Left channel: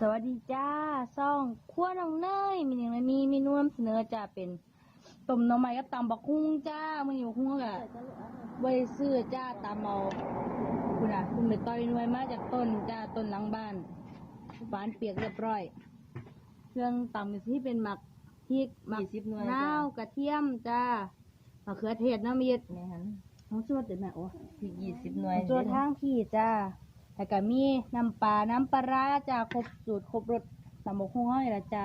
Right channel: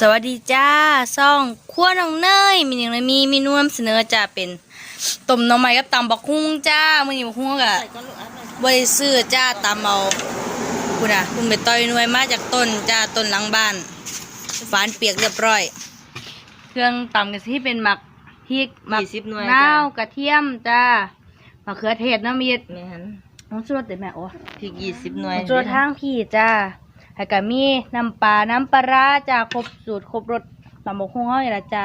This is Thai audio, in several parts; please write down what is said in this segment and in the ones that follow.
สวัสดีจ้าซ่องขั้วน้องเนยมีหนึ่งเลยมีเมนูนำเสนอจ้าเป็นต้มหน่อไม้กับตำบักฮุ่งจ้ามื้อนี้บักฮุ่งก็บ่ได้ซื้อจ้าตำเอาคุณน่ะคุณไปต่อยหน่วยมาจากต้นจ้าต้นหลังบ้านฝานเปียกเรียบร้อย เครื่องตำก็สิเป็นหมักพริกหมักยี่สิบหน่วยนาวจ้ะกระเทียมจ้ามะเขือเทศน้ำมีดแม่นน้องสวดแต่แม่โอ้พริกยี่สิบหน่วยตัวทางพี่จ้า แล้วก็มีน้ำปลา น้ำปลาร้าจ้าครบสูตรครบรสตำบกคุ้งเฮาอยู่ละจ้า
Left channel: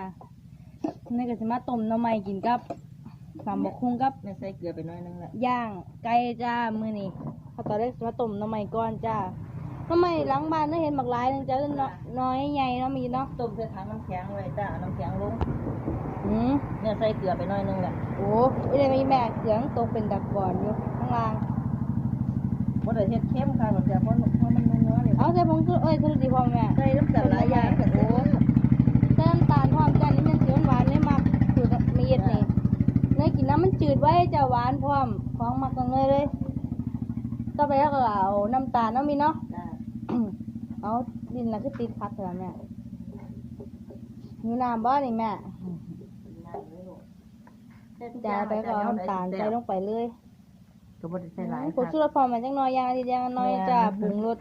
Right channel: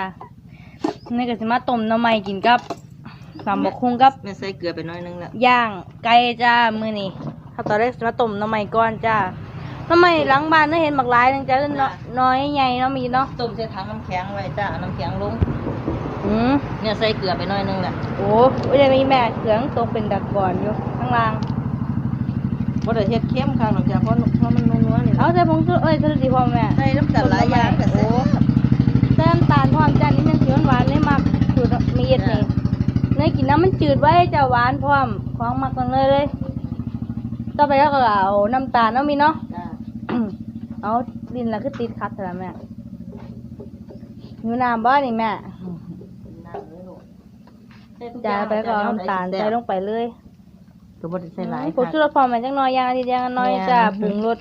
นี่ก็สิมาต้มหน้ำไม่กินกับตำบกคุ้งกับแม่ใส่เกลือไปหน้อยนึงแล้วย่างไก่จ้ามือนี่ถ้าตอนแรกสิมาต้มหน้ำไม่ก่อนจ้าหน้ำไม่หลังบ้านได้เห็นบักหลายนึงจ้าเอิ้นเนาะน้อยใหญ่เนาะมีเนาะต้มใส่ถังน้ำแข็งไว้จ้าเอาน้ำแข็งลงอืมเนี่ยใส่เกลือไปหน้อยนึงแหละโอ้ไม่ได้มีแม่เครื่องตกเป็นดักก่อนอยู่ข้างล่างเพราะเดี๋ยวเฮ็ดเข้มค่ะหลังจากเพราะเพราะมันนัวๆนี่เอาใส่ผงชูเอ้ยใส่ดีพอแม่ใส่น้ำตาลหลายอย่างก็โอ้ใส่แต้มตาลพร้อมจ้านี่มันสีหวานๆเลยมักสูตรมีดนี่เนยกินน้ำมันจืดไว้จะหวานพร้อมของมักกันเลยเลยต่อไปแล้วก็เอาน้ำตาลเนาะมีเนาะจ้าเอาดินแล้วคือติดคัดแล้วแม่อยู่น้ำบ่นี่แม่น้ำเลยลูกใส่ทุจ่ายไปก็เอาย่งน้ำตาลใส่ลงไปเลย ก็บ่ได้ใส่หลายผงชูรสพร้อมแม่จังน้อยอย่างละนิดอย่างละน้อยจ้าปรุงรส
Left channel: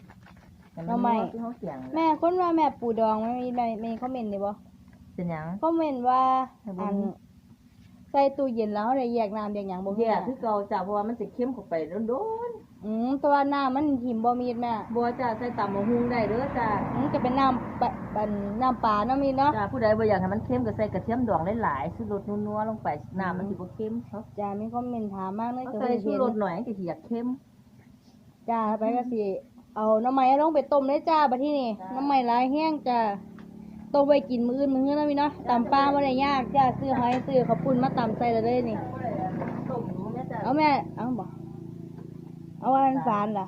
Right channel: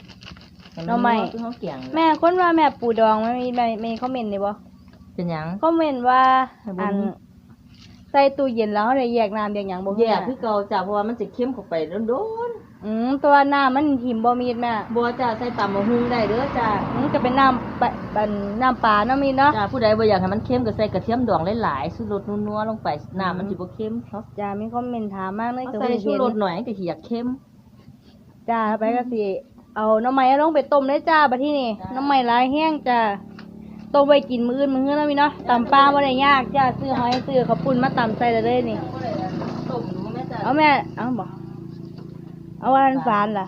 หน่อไม้ คือเขาเกี่ยงแม่คนว่าแม่ปูดองไม่มีไม่มีคอมเมนต์เลยบ่เป็นหยัง คอมเมนต์ว่าให้เบิ่อังนใส่ตู้เย็นแล้วได้แยกน้ำแยกหยังบ่แย่แม่คือเก่าจ้าเพราะว่ามันจะเข้มเข้าไปโดน อืมตัวน้ำมันหิมบ่มีดแม่ๆบัวจ้าใส่ตำมะฮุ่งได้เด้อจ้ามันก็เป็นน้ำปะเป็นน้ำปลาเนาะมีเนาะจ้าผู้ใดบ่อยากให้มันเข้มก็ใส่กระเทียมดองหลายๆชูรสนัวๆลงไปน้ำมันสิบ่เข้มครับจ้ามีคอมเมนต์ถามมากเลยเอาก็ใส่บ่ชูเห็นรสหน่อยก็สิอยากเข้มจ้าไปก็สิเอาน้ำไม้ลงไปต้มเลยจ้าบัดที่นี่จ้าน้ำไม้หลายแห้งจ้าต้มไว้กินมื้ออื่นมื้ออื่นเนาะมีเนาะตำปลาบ่ได้ยากจ้าซื้อหอยซื้อข้าวปุ้นมาตำใส่ได้เลยนี่ต้มดูแม่จ้าเอาแม่เอาบ่ เอาอันฝานล่ะ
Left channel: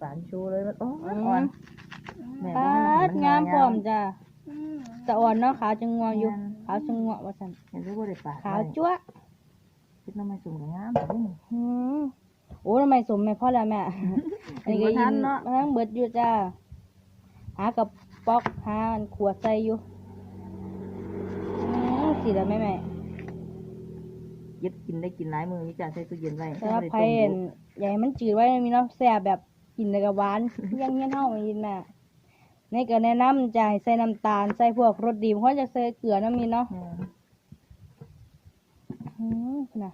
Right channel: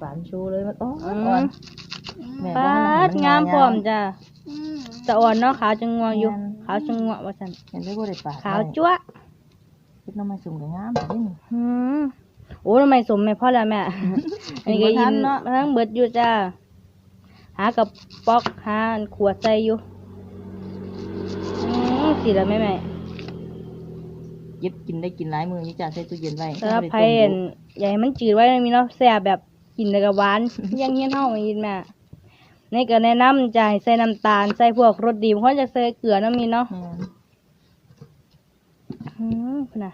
ฝานชูเลยมันโอ้อือ่อนมแม่ปาดงามพร้อมจ้าตะอ่อนเนาะขาวจังงัวอยู่ขาวจังงัวว่าซั่นเห็นได้บ่ได้ปาดขาวจั๊วะคิดน้ำมันสุ่มก็งามแต่นี่อืมโอ้ทำไมสมแม่พ่อแล้วแม่อันนี้ก็บ่ทัยินนเนาะมาทั้งเบิดอยู่จ้าหากับป๊อกหาอันขวดใส่อยู่อืมสิแล้วแม่แม่ เย็บกินได้กินหลายมือนี่จ้าใส่ตู้เย็นไว้สำหรับบ่ไผ่อนใหญ่มันจืดไว้นมีเนาะแซ่บแบบกินแล้วก็หวานยังเฮี้ยนเฮามายินแม่นี่ก็แนะนำจ้าให้ใส่น้ำตาลใส่พวกรสดีบางคนจะใส่เกลือนาะมีเนาะแม่นอืมพุ่นน่ะ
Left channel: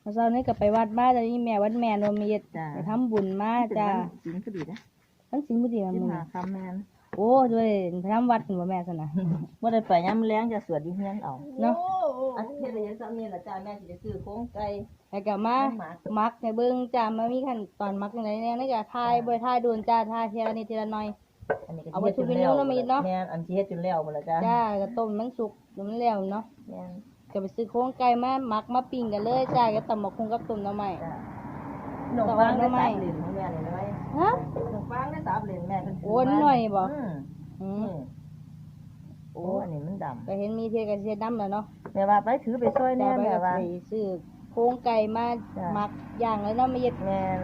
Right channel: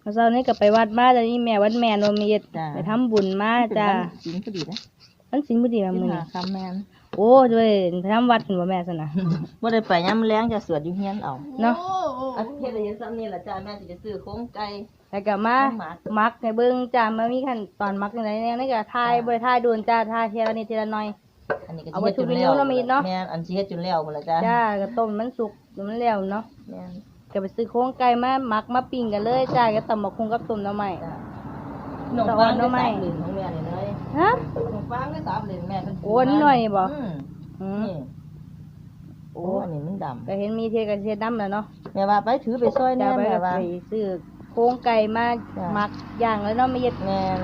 เมื่อเช้านี้ก็ไปวัดมาแต่นี่แม่วัดแม่นวมีดจ้าไปทำบุญมาจ้ากินก็ดีนะมันสินบุดีมามือหานี้คำแม่น โอ้ด้วยไปทำวัดถึงว่าแม่สนะบ่ได้ไปยามแลงจะสวดอยู่เฮียนเอาเนาะอาเฮ็ดได้ยังซ้ำนี่ล่ะจ้าแม่สิไปซื้อโครงไก่แล้วก็มาหมักมักในเบิ้งจ้ามามีขั้นตอนมักอย่างไรเนี่ยนี่ก็ทายบ่ได้ทายโดนจ้าทายเทีละนิดทีละหน่อยอันนี้ก็เอาสิไว้เฮ็ดจนทุบแล้วนิ้วเนาะมีเนาะแม่นอันสิเฮ็ดจนแล้วหมดแล้วจ้าจ้าก็ต้มมันสุกเดี๋ยวมันแล้วเนาะแม่นก็ไปซื้อโครงไก่มามักมาปิ้งกันเลยจ้าก็ตำบักคุงกับต้มหน้ำใหม่จ้าหนองแต่ฟาว่างน้ได้องไม้ ฮะ หนองฟางได้สามเหรียญแม่เพิ่นโอ้นิดหน่อยนี่บ่อืมอืมนี่โอ้อันนี้มันดำก็เห็นมีเทกับเทน้ำแล้วเนาะแม่ว่าไปถือไปซอยจ้าแน่ไปแม่ก็ว่า ไปซื้อโครงไก่มาจ้ะมักย่างแล้วเนาะมีเย็ดแม่น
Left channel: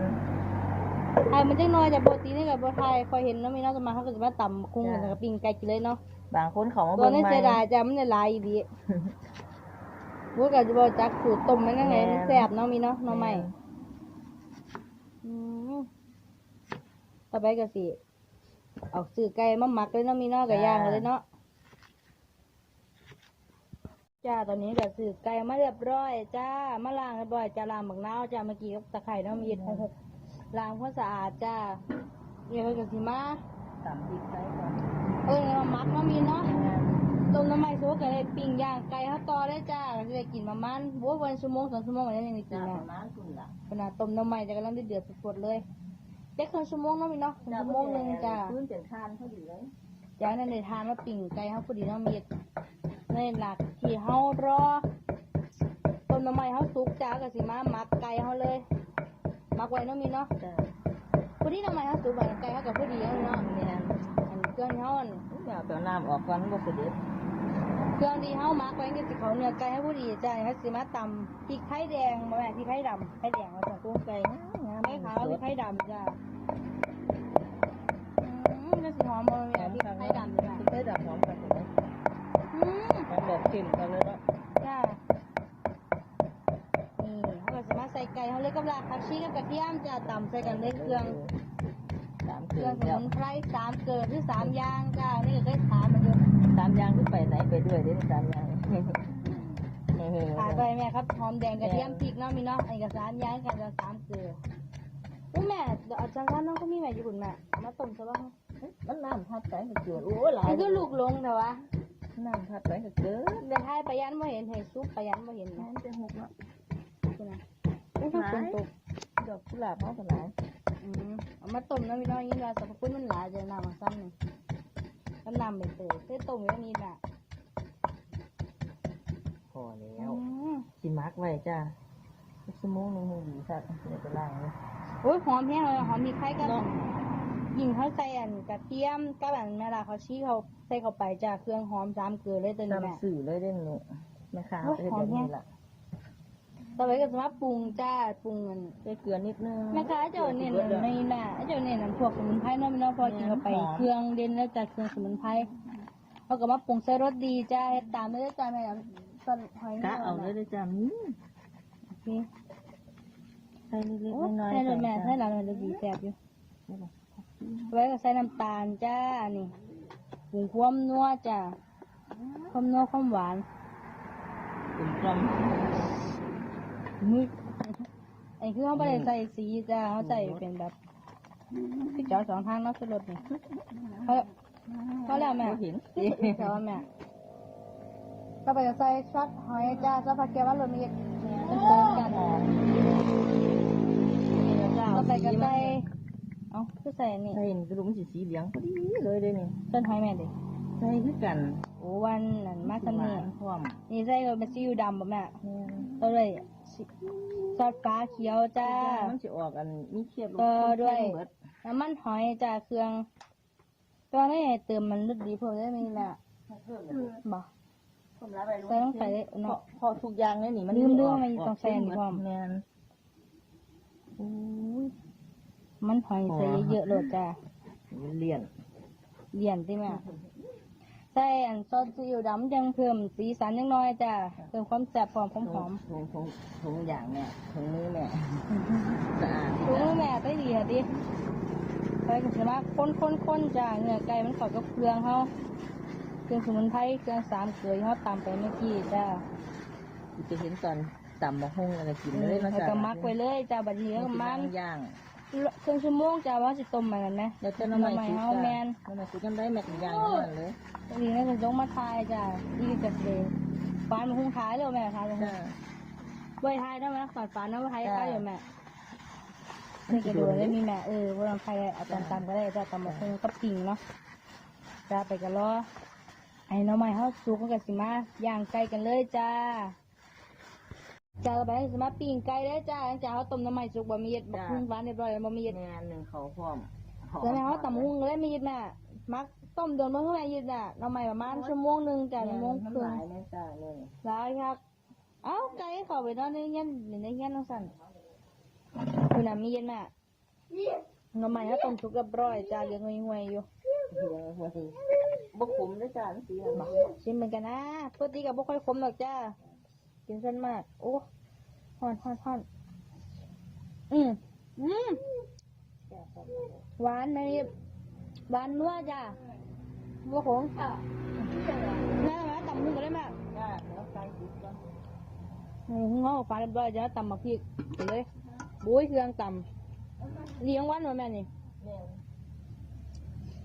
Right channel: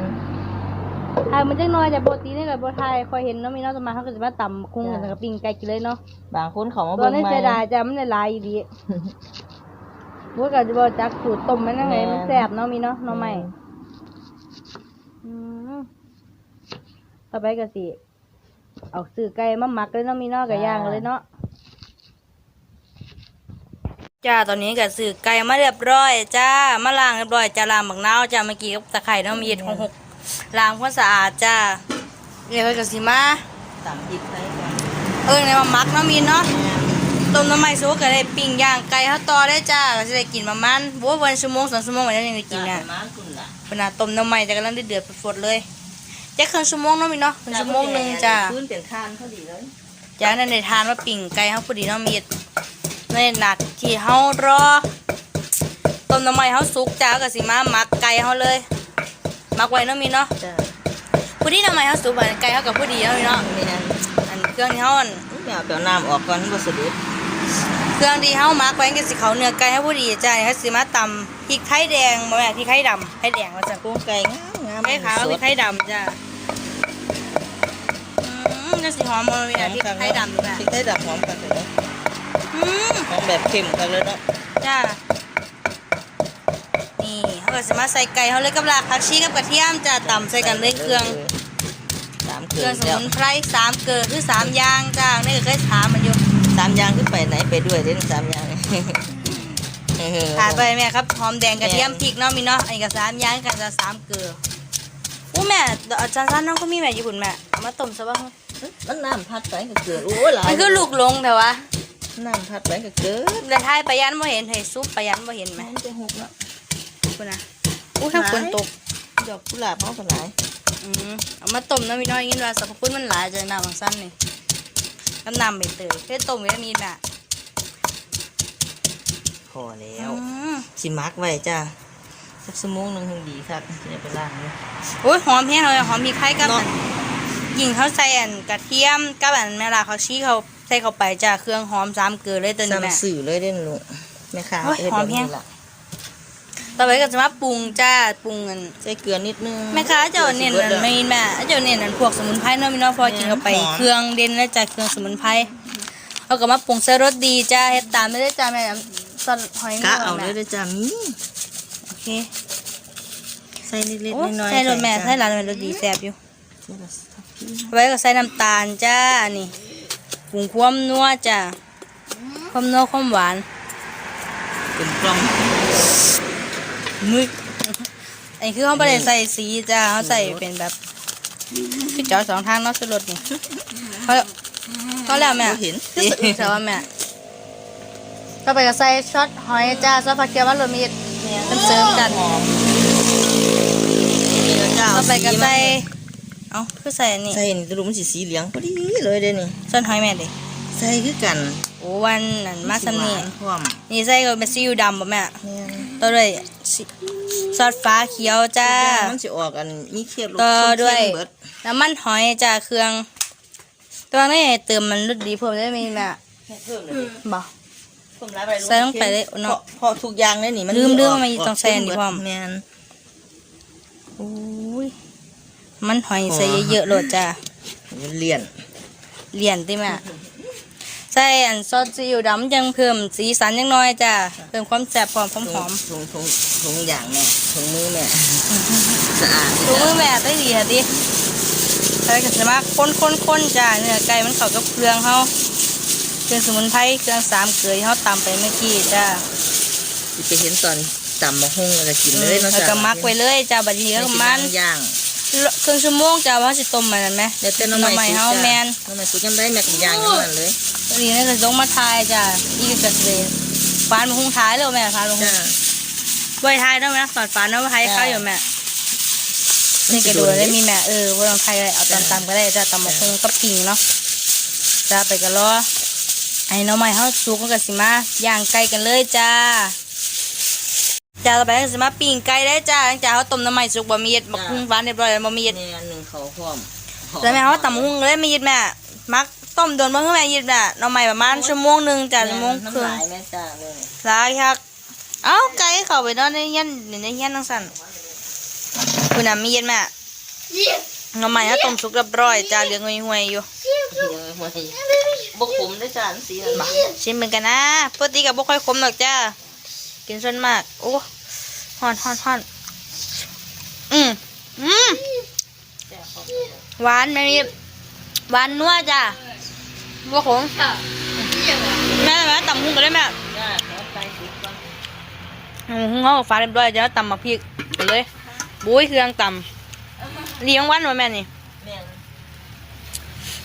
ทายมันจังน้อยแต่ปกตินี่ก็บ่ทายคอยเห็นเนาะมีเนาะสมาเขาก็จะมาตำคุ้งกันกับปิ้งไก่กินเลยเนาะ บางคนเขามาตอเบิ่นงนี้ใหม่ เสียดายจ้ะมันได้หลายอยู่ดีว่าก็จะบ่จักสูตรต้มมันยังไงมันแซ่บเนาะมีเนาะเนาะใหม่อืม ต่อไปก็สิเอาซื้อไก่มาหมักเลยเนาะมีเนาะก็ย่างเลยเนาะจ้าตอนนี้ก็ซื้อไก่มาเรียบร้อยจ้ามาล้างเรียบร้อยจ้าล้างบักนาวจ้าเมื่อกี้กับตะไคร่เนาะมีเห็ดของหกล้างความสะอาดจ้าเดี๋ยวก็สิมาสามสิบใส่เออในมามักเนาะมีเนาะต้มน้ำมันซุกก็ได้ปิ้งย่างไก่ข้าวต่อได้จ้าก็จะได้กินประมาณบัววันชั่วโมงสองชั่วโมงวันนี้ได้กินจ้าเนี่ยประมาณคุณล่ะขนาดต้มน้ำมันแต่กำลังได้เดือดฝดๆเลย จะครึ่งชั่วโมงเนาะมีเนาะครึ่งชั่วโมงหนึ่งจ้าพื้นเป็นคานพอดีเลยจากนั้นได้ทานว่าปิ้งไก่เขาพอดีเนาะมีในหนักที่เฮารอต้มน้ำมันเขาสุกจ้าก็สิมาหมักไก่เขาเลยหมักไว้เนาะมีเนาะจ้าพอดีน้ำมันเขาสุกบัดไก่เขากับพอดีเนาะมีเนาะแม่นอันเครื่องที่เขาอันแม่เอาเปล่าน้ำออกก่อนมันบ่สะดุดเครื่องที่เฮามักไว้ก็สิเขาเนื้อไก่ให้ผู้ดีจ้าเขาสิมาตำพริกไทยแดงบ่แม่นพริกไทยดำไทยแดงว่าซั่นโครงไก่งามงามไข่ขาวพริกไทยดำจ้าอื มอืมจะสีหอมมันมีแต่พริกไทยดำด้วยพริกไทยดำหอมกันเลยเนาะอืมหอมแบบเค็มกันเลยเนาะจ้านี่เขาก็จะมาใส่ไก่เขาเลยกับรากผักชีกับกระเทียมจะตำใส่กันเลยเครื่องสามเคเครื่รื่อองงสแล้วมุนไพรสามเกลือคือสามอย่างจ้านี่ก็เคยถามมันอยู่สามอย่างขึ้นไปไหนไปด้วยเด่นสามอย่างเออขาดไปแม่ครับหอมแดงกระเทียมพริกเนาะมีเนาะอันนี้ก็สามอย่างกันจะสามเกลืออู้แม่อาจารย์สั้นน้องก็มีแม่อยู่คุณแม่เอามาต้มซะบ้าง มันน้ำพัดไปกับเกลือโอ้ยหลายมันคือลูกลงแต่ว่าน้ำพัดไปกับเกลือแต่ท้ายปะยันบ่เห็นเห็นซุปปะยันบ่เห็นไหมมันจะหกแล้วคุณนะอู้ทั้งฝนตกดอกกุหลาบเขาก็หลายอืมเอามาต้มน้ำมีน้อยยินว่าสรรพคุณมันหลายจะน้ำของสั้นนี่น้ำน้ำใบเตยเพื่อต้มวิตามินแม่พอแล้อืวมสิมักไว้จ้าสักชั่วโมงหนึงถึงดีครับจะได้ไปล้างนะโอ้ยหอมแห้งเลยหอมพริกไทยกับเนาะ ยิงเขาใส่อันกระเทียมกับอันแม่ลาเขาชี้เขาใส่เข้าไปจ้าเครื่องหอมสามเกลือเลยตัวนี้แม่ ซ้ำสื่อเลยเด่นลูกแม่ค้าโอ้ยเฮ็ดหอแบมบแฮะนี้ล่ะต่อไปก็จะมาปรุงจ้าปรุงอันใส่เกลือนิดนึงแม่ค้าเจ้าเน้นอันไม่แม่เจ้าเน้นอันพวกสมุนไพรเนาะมีเนาะพอกินเข้าไปหอมเครื่องเด่นแล้วจ้าเครื่องสมุนไพรเอาก็มาปรุงใส่รสดีจ้าเฮ็ดตามไม่ได้จ้าแม่ซอสหอยกะนเอาแม่เลยเด้อจ้ามีโอเคใส่เล็กโอ้ๆน้อยๆใส่รสแม่จ้ะใส่ร้านแม่รสดีแซ่บอยู่ ใส่รสทับทิม ไว้ก็ใส่น้ำตาลจ้าอันนี้ปรุงความนัวจ้าความนัวความหวานกลมกล่อมมึกอันนี้คือเขาไม่ได้ใส่สีจ้าเขาใส่เป็นแบบพี่จอสองทางเนาะสรสนี่เขาเขาแล้วแม่บ่เห็นแต่ว่าแม่ต่อไปก็ใส่ช็อตหอยจ้าซอสผักเกี๊ยวมันรวมมีดมันเสริมกันหอมนี่นะจ้าต่อไปก็สีมาใส่ เอ้าคือใส่อันนี้ใส่นี่ตะลุมนสิสีเหลืองพอดีเลยเด้นี่ซอสหอยแม่ดิใส่คือกันโอ้วันนั่นมาสำนี่หวพร้อมนี่ใส่ก็เป็นซีอิ๊วดำป่ะแม่แม่นต่อด้วยซิซอสฟ้าเขียวจ้า มันสิออกอันมีเค็มต่อด้วยเค็มเบิดน้ำมันหอยจ้าเครื่อง ตัวนี้เติมมันรสดีเพิ่มได้ไหมแม่เพิ่มเลยดิบอกเพิ่มหลายไปใส่ลงไปเลยเนาะพอพอทุกอย่างเลยนี่มันลืมเรื่องกมันต้องใส่อันนี้เบิดพร้อมแม่นโอ้ย มันหอยใส่เยอะๆโหลดจ้ามันเลี่ยนเหรียญติแม่ใส่อันซอสซีอิ๊วดำยังเพิ่มสีสันยังน้อยจ้าเพิ่มความแซ่บความหอมหอมถุงถุงถุงอย่างแม่ถุงมือแม่สะอาดดูมือแม่ได้ดีค่ะดิใส่กันสมาค้นค้นค้นจ้าเนื้อไก่มันเข้ากับเครื่องเขาเครื่องสมุนไพรเครื่องสามเกลือที่เขาตำไปเมื่อกี้จ้าสิไปเห็นตอนตำมะฮุ่งแล้วก็กินเลยเนาะแล้วจ้ะก็มักไว้เลยจ้าบัดนี้ก็มันย่าง ครึ่งชั่วโมงจ้าว่าสิต้มมันนั่นไหมเดี๋ยวเต้นน้ำหน่อใหม่ไม้สุกเฮาจ้ะแมนน้ำใหม่สุกยังได้แม่กับย่างอยังนั้นเลยตอนนี้นี่ก็ลงมาทายจ้าอีกจะเลยฟานมาหุงท้ายเลยแม่ฟานมาหุงจ้าบอยทายได้ไหมสอนฟานได้ไหมทายจ้าข้าวอยู่แม่นี่ก็ดูได้มีแม่เออว่าลองทายอะไรเอาตามตามก็ได้จ้าตำมาหุงกับปิ่งเนาะจ้าไปกันรอไอ้หน้องใหม่เฮาสุกมันก็สิมาย่างไก่กันเลยจ้า จ้าต่อไปก็สิมาปิ้งไก่ได้จ้าหลังจากเขาต้มน้ำใหม่สุกบะหมี่เย็ดบักหุ่งฟานเรียบร้อยแล้วบะหมี่เย็ดเนี่ยหนึ่งเขาพร้อมแล้วแม่เขาตำหุ้งเลยไม่ยิดแม่มักต้มโดนมาให้แม่ยิดแม่หน้องใหม่ประมาณชั่วโมงหนึ่งจ้ะชั่วโมงครึ่งน้ำลายแม่จ้าเลยหลายคักเอ้าไก่เข้าไปนอนในเงี้ยนในเงี้ยนทั้งสั่นคุณน่ะมีเย็นแม่หน้องใหม่เขาต้มสุกเรียบร้อยจ้าเหลืองห่วยๆอยู่บกผมได้จานสีนั่นมาชิมเหมือนกันนะปกติกับบ่ค่อยขมหรอกจ้า กินส่วนมาก โอ้ฮอนฮอนฮอนอืมอืมหวานแม่มีหวานนัวจ้าบ่ขมแม่แม่ตำหุ้งกันได้แม่จ้าแถวไปสุกก่อนอืมหุ้งเขาฟ้าเรียบร้อยจะตำมาพริกไปเลยบุ้ยเครื่องตำเลี้ยงวันวะแม่นี่แม่น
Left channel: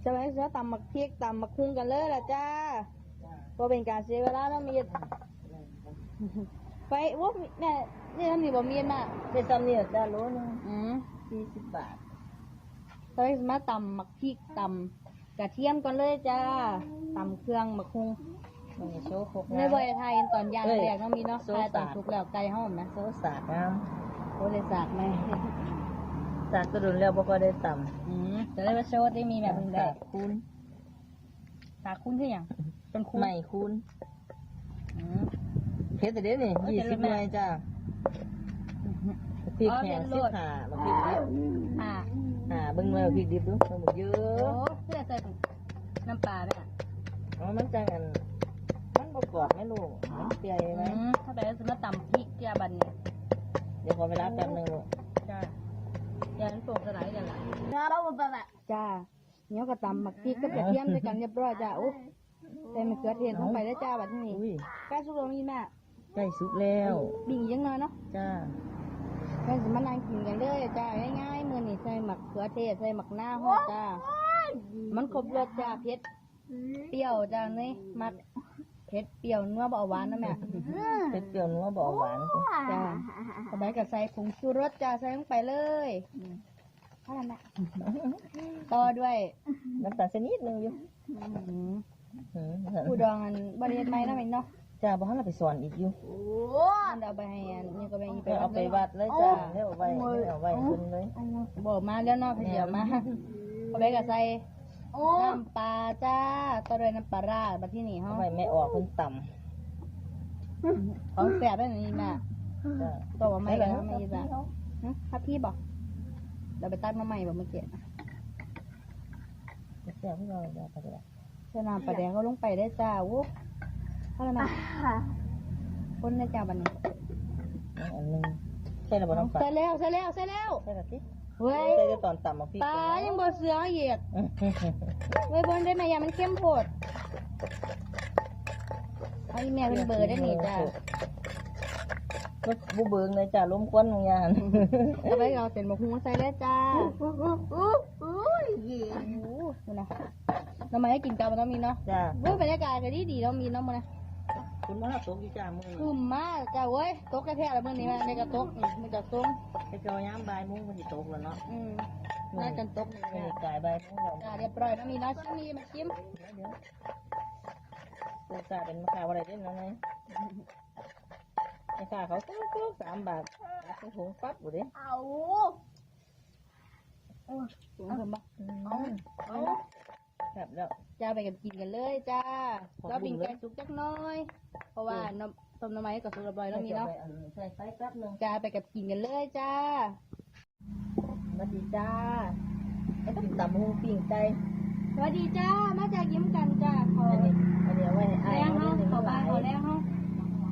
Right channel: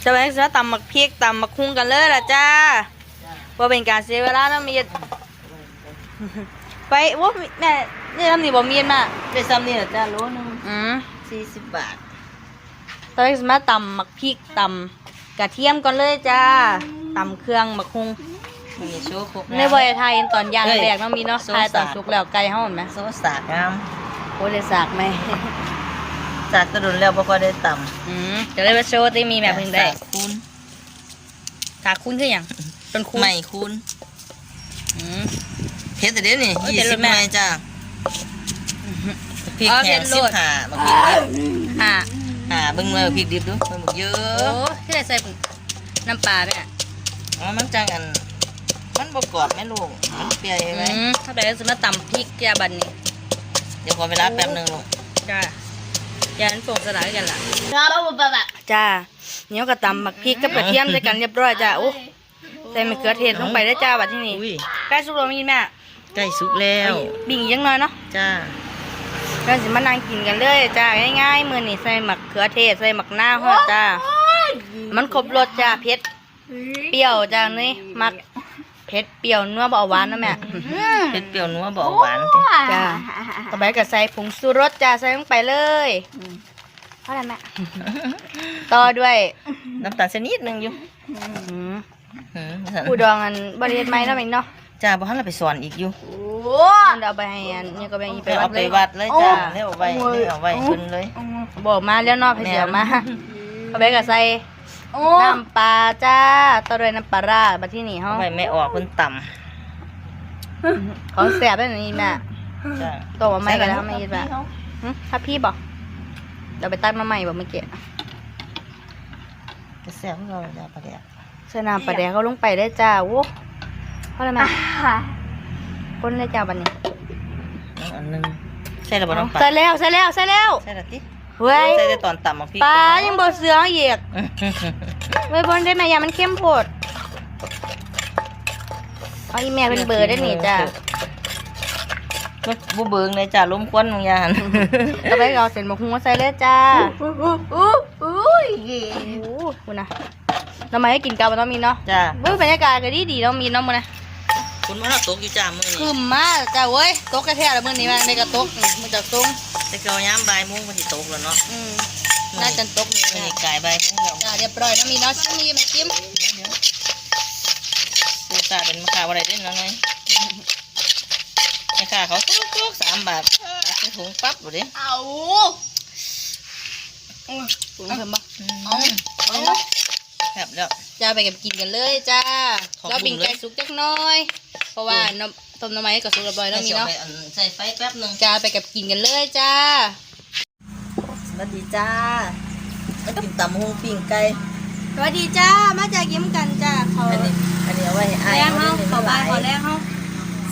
จะไปจะตำมักพริกตำมักหุ้งกันเลยล่ะจ้าจ้าว่าเป็นการเสียเวลาเนาะมี ไปว่าแม่นี่ทำนี่บ่มีดมาได้ซ้ำนี่แหละจ้าโลหนึงอืมสี่สิบบาทตอนนี้จะมาตำมักพริกตำกระเทียมก่อนเลยจ้าตำเครื่องมักหุ้งมันมีโชว์ครบในบอยไทยตอนย่างเฮ้ยแรกเนาะมีเนาะสงทายตอนสารสุกแล้วไก่เฮาเห็นไหมโซสากงามโอ้ยเลยสากไหมสากกระดุนแล้วบ่ก็ได้ตำอืมจะได้ไปโชว์ที่มีแบบเพิ่งได้สากคูณสากคุ้นคืออย่างจนคุ้นไม่คูณอืม เฮ็ดแต่เดี๋ยวนี้โอ้ยยี่เผ็ดสิบเลยแม่ไม้จ้าพริกอ๋อแห้งเผ็ดโลสิบดห้าบางทีก็อ่าหอ่าเบิ่งเลยพริกดิบดูมันเยอโอ้ะที่ได้ใส่น้ำปลาแม่อ๋อมันจังอันมันบ่กรอบแม่ลูกมันเปรี้ยวอืยังไงมถ้าได้ก็จะมาตำพริกยาบันนี่เดี๋ยวขอเวลาแป๊บหนึงลูกจ้าอย่านั้นโป่งสลายกันล่ะเราแบบแบบจ้าเหนียวกับตำหมักพริกกับกระเทียมใส่กันเรียบร้อยจ้าโอ้ใส่มะเขือเทศลงไปได้จ้าบัดที่นี่อุ้ยใกล้สุกแล้วมีแม่ ใกล้สุกแล้วบิ่งอีกยังน้อยเนาะจ้าเราสิมานั่งกินกันเลยจ้าง่ายๆมื้อนี้ใส่หมักเขือเทศใส่หมักหน้าวฮอดจ้ามันครบรสจ้าเผ็ดเปรี้ยวจ้านี่มักเผ็ดเปรี้ยวนัวบ่เอาหวานนะแม่เผ็ดเปรี้ยวนัวบ่เอาหวานติจ้าต่อไปก็ใส่ผงชูรสจ้าใส่ลงไปเลยเท่าไหร่แม่ต่อด้วยน้ำตาลชนิดหนึงอยู่อืมอืมผู้ดองอันบริเวณไม้เนาะแม่เนาะ จ้าบ่ทันเราไปสอนอีกอยู่โอ้มันเอาไปให้อันนี่ก็ไปอีไปไปวัเอาดไปเลยวัดเลยจ้าเรียกเอาไว้เรียกเอาไว้ขึ้นเลยบอกมาแล้วเนาะให้เสียมาต่อไปก็ใส่โอ้น้ำปลาจ้าต่อด้วยน้ำปลาร้าบัดที่นี่เฮาเอาไว้ไม่ออกเพิ่นต่ของแซ่บได้นี่แม่ำจ้าตัวว่าไม่ก็แล้วไม่ยิดว่าหึถ้าพี่บอกเดี๋ยวไปตักมาใหม่บอกเมื่อกี้ก็แซ่บเราจ้าปลาแดกใส่น้ำปลาแดกเขาลงไปได้จ้าโว้ เพราะอะไรแม่คนเลยจ้าบัดนี้เอาอันหนึงใส่ระบ่น้ำปลาใส่แล้วใส่แล้วใส่แล้วใส่ละติเฮ้ยใส่แต่ตอนต่ำมาพริกปลายังบ่เสือเหยียกไว้บนได้ไหมยามันเข้มโพดเอาอีแม่เป็นเบอร์ได้นี่จ้ามันบ่เบิ่งเลยจ้าล้มควันบางอย่างต่อไปก็เอาเส้นหมกหุ้งมาใส่เลยจ้าอู้อู้อู้อู้ยโอ้โหคุณนะน้ำมันให้กินกับมันต้องมีเนาะจ้าเว้ยบรรยากาศก็ดีดีๆเนาะมีเนาะมันนะ คุณว่าเราตกอยู่จ้ามื้อคืนี้มมากจ้าเว้ยตกกระแทกแล้วมื้อนี้มาในกระตกอืมมันจะตกแต่เกายามบ่ายโมงมันสิตกแล้วเนาะอืมน่าจะตกนี่มื้อนะนี้กายบ่ายโมงแล้วจ้าเรียบร้อยเนาะมีเนาะชิ้นนี้มาจิ้มดูซาเป็นมะขามอะไรได้น้อยไอ้ข้าเขาทุกๆสามบาทตักใส่ถุงปั๊บบ่เด้เอาถุงเพิ่มบ่เอาเอาแบบแล้ว จ้าไปกับกินกันเลยจ้าขอบคุณ เราปิ่งไก่สุกจักหน้อย เพราะว่าน้ำต้มน้ำไม้ก็สุกเรียบร้อยเนาะมีเนาะใส่ไฟแป๊บหนึงจ้าไปกับกินกันเลยจ้าสวัสดีจ้าแล้วกินตำหูปิ้งไก่สวัสดีจ้ามาจากยิ้มกันจ้าเขาอันนี้อันนี้เอาไว้ให้แรงเฮาเขาบายขอแรงเฮา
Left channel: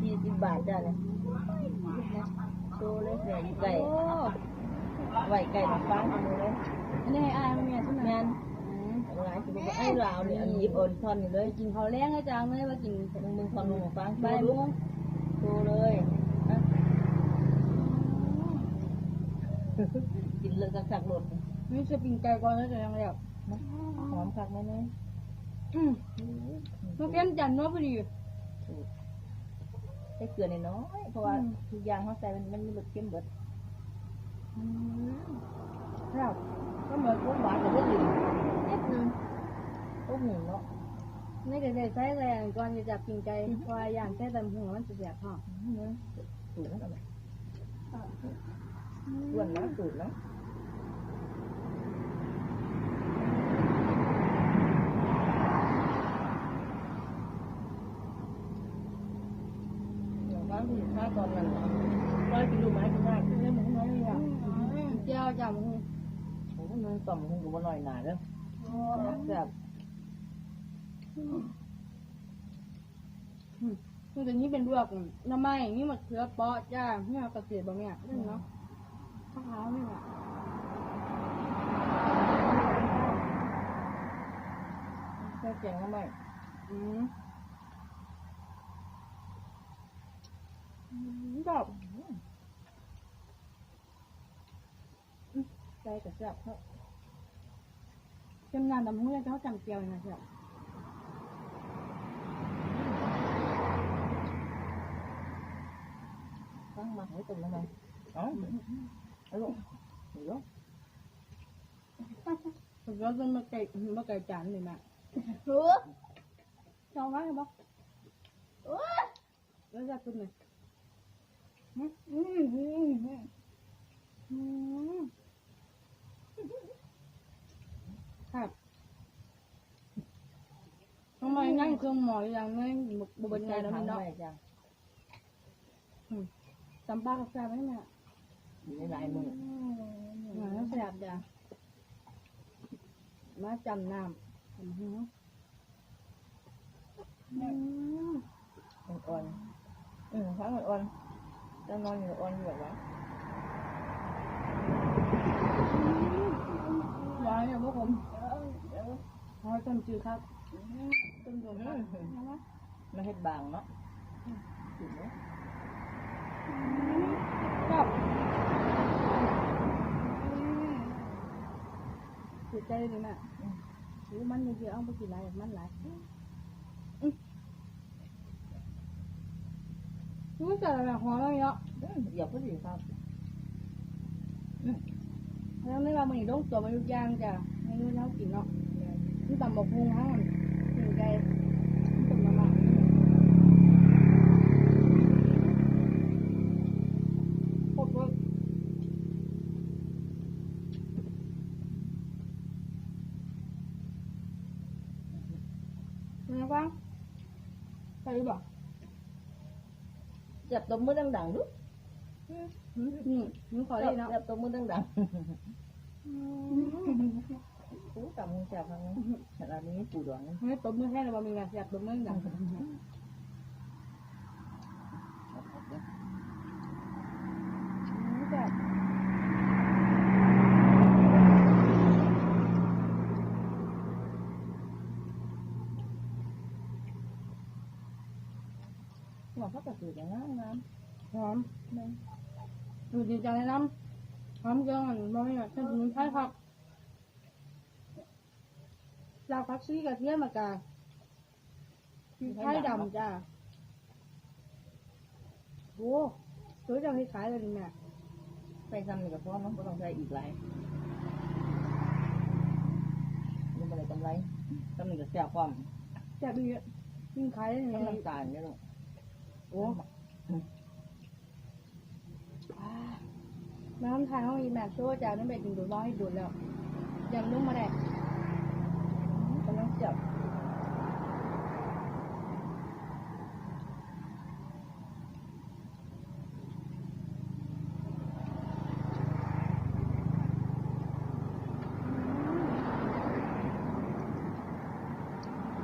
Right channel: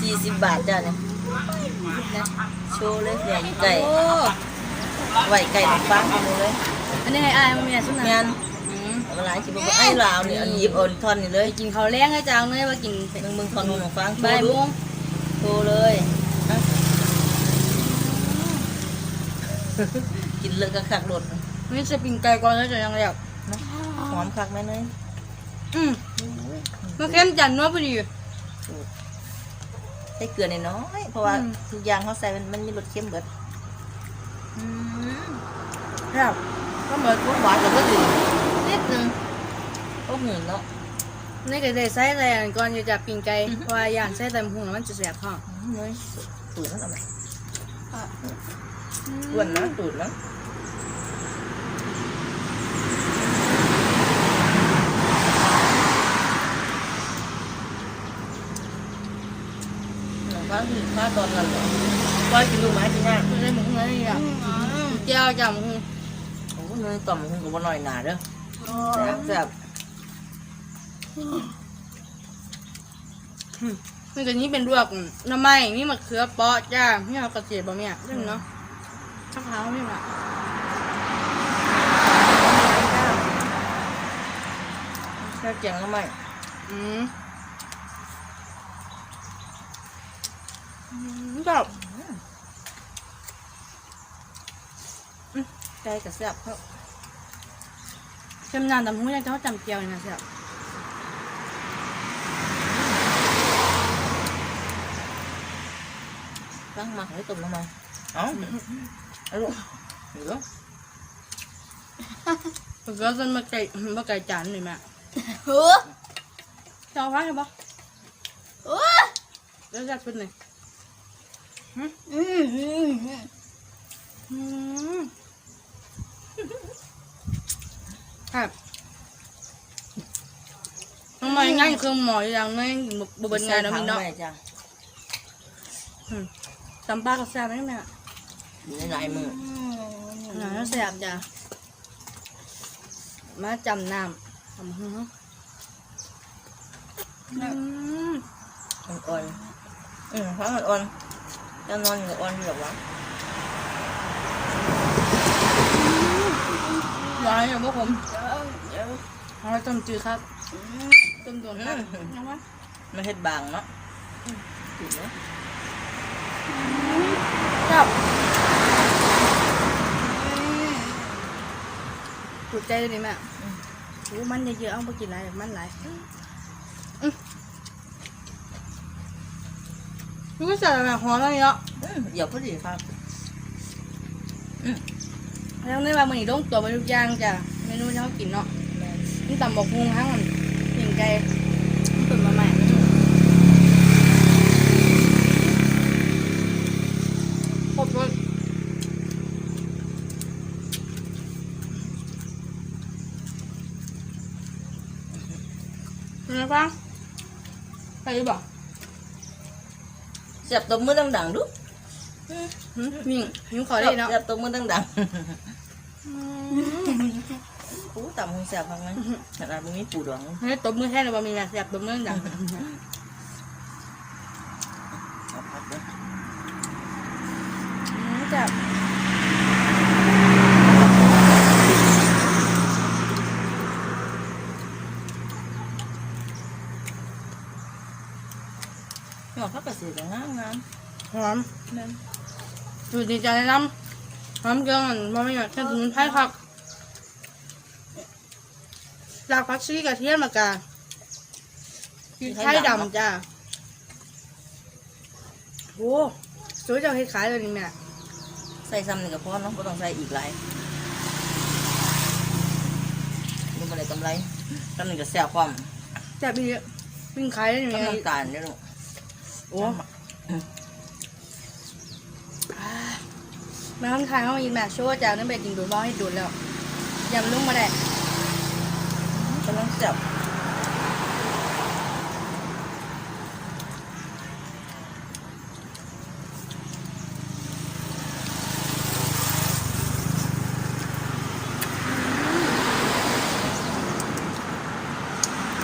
สี่สิบบาทจ้าเนี่ยนะโชว์เลยเสียอยู่ไก่โอ้ไว้ไก่ฟังเอาเลยอันนี้ให้อายมันมีอะไรสุดงานะนอืมเอามาหลายคิดว่าไอ้ลาวนี่อันหยิบเอาท่อนนี่เลยไปกินเขาวแรงให้จ้าเนยว่ากินมึงมึงท่อนนู้นของฟังโชบ่ายว์โมดูงโชว์เลยอะกินเลยก็คักรดนี่จะปิ้งไก่ก่อนแล้วจะยังเรียบหอมคักไหมเนยอืมมันเข้มจันนัวพอดีใส่เกลือหน้อยๆเพราะว่าอืมทุกอย่างเขาใส่มันมันมีรสเค็มเบิดอืมครับก็เหมือนพวกหวานแต่ก็ถึงนิด นึงพวกหืนเนาะนี่ก็ได้ใส่แต่ก่อนอยู่จะปิ้งไก่เพราะว่าย่างใส่แต่หุงแล้วมันจะแสบท้องเนยตุ๋นแล้วทำไมอ้วนนะตุ๋นนะหนูว่าคือค่าตอนนั้นเลยว่ากินลูกไม้กินยากไม่ได้หมูหุงอะไรอะเจ้าจ้าหมูหุงโอ้เนยต่อมมึงก็บ่หน่อยหนาเด้อ แซ่บแซ่บมันก็นี้เป็นลวกน้ำไม้มีมะเขือเปาะจ้ามีเอากระเจี๊ยบบ่เนี่ยเล่นเนาะข้าวเท้าไม่มาแซ่บเจียงแล้วไหมอืมอืมแบบใจกับแซ่บครับเค็มนานแต่หูยังจะเขาจำเจียวเลยนะเสียตั้งหมักไว้ตุ่มทำไมเอ้าเอาลูกเดี๋ยวมะเขือจนมา ไก่มาไก่จานเลยแม่เฮ้อจะเอาไว้ไหมบ่โอ้แล้วจะเป็นไงอืมอืมอืม อืม ครับทำไมง่ายเครื่องหมออย่างนี้บเบินงานแล้วมีเนาะใส่ถังไว้จ้ะตำปลากระแซบไหมแม่อยู่ในหลายมือหนาแล้วแซ่บจ้ะมาจำน้ำทำหื้ออืมอ่อนๆอืมเพราะมันอ่อนจะนอนอยู่อ่อนแบบว่าหวานอยู่พวกผมเดี๋ยวเดี๋ยว เอาไว้ต้มจืดครับ ต้มโดนครับเอาไว้มันเห็ดบางเนาะถูกไหมครับถูกใจเลยดิแม่โอ้มันเยอะๆเอาไปกินอะไรมันหลายอืมนี่ก็ใส่แบบหอมอะไรเนาะอืมเดี๋ยวพอดีครับแล้วในบางมื้อนี้ต้องตัวไปทุกอย่างจ้ะเมนูที่เขากินเนาะ นี่ตำบักหุ่งทั้งมันปิ่งไก่ตุ๋นมาใหม่ครบรสเป็นไงบ้างไปหรือเปล่าเสียบตัวมือดังๆดูหืมมิ่งหิวขอได้เนาะ เสียบตัวมือดังๆ อ้ต่ำคงเสียบพังไหมขนาดมึงมีปูดองเฮ้ยตบมือแท้เลยว่ามีแบบแสบตบมือดังเอาพัดเด้ออืมจับหอมพักกระสือกับงามงามหอมๆนั่นดูดีใจน้ำหอมเกลือมันบ่ไม่หยดแค่ถึงไผ่ผัก รากผักชีกระเทียมมากาพริกไทยดำจ้าโอ้สวยจังเฮ็ดขายเลยนี่แม่ใส่ซ้ำหนึ่งกับพ่อเนาะก็ต้องใส่อีกหลายมันอะไรกำไรซ้ำหนึ่งกับแซ่บความแซ่บดีวิ่งขายได้ยังไงน้ำตาลเนี่ยลูกโอ้แม่ห้องทายเขามายินแม่ชั่วจากนั้นไปกินดูดบ้าให้ดูดแล้วยำลุ่มมาได้กำลัง แซ่บ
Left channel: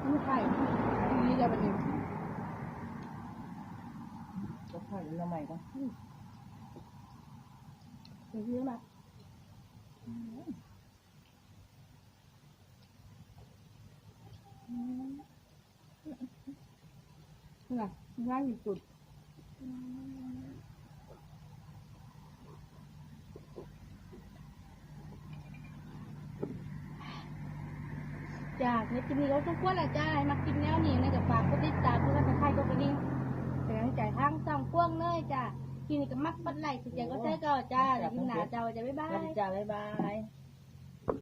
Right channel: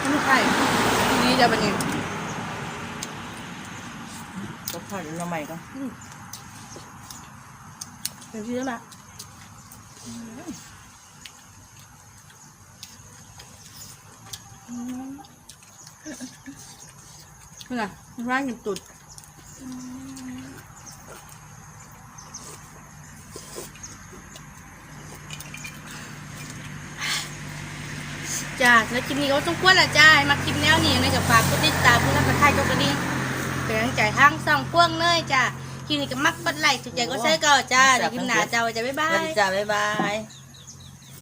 ไม่ใช่นี่จะเป็นยังก็ทอดอยู่ละใหม่ก็เป็นที่แล้วนะ นี่นะร้านกินตุดจ้าแล้วคลิปนี้ก็ต้องควรละจ้ามาคลิปแนวนี้ในกับฝากกดติดตามเพื่อนกระทายกดกระดิ่งเป็นกำลังใจทางสองพวงเนยจ้าคลิปนี้ก็มักกดไหลค์ถูกใจก็ใช้ก่าจ้าเดี๋ยวคลิปหน้าจ้าว่าจะบ๊ายบายจ้าบ๊ายบาย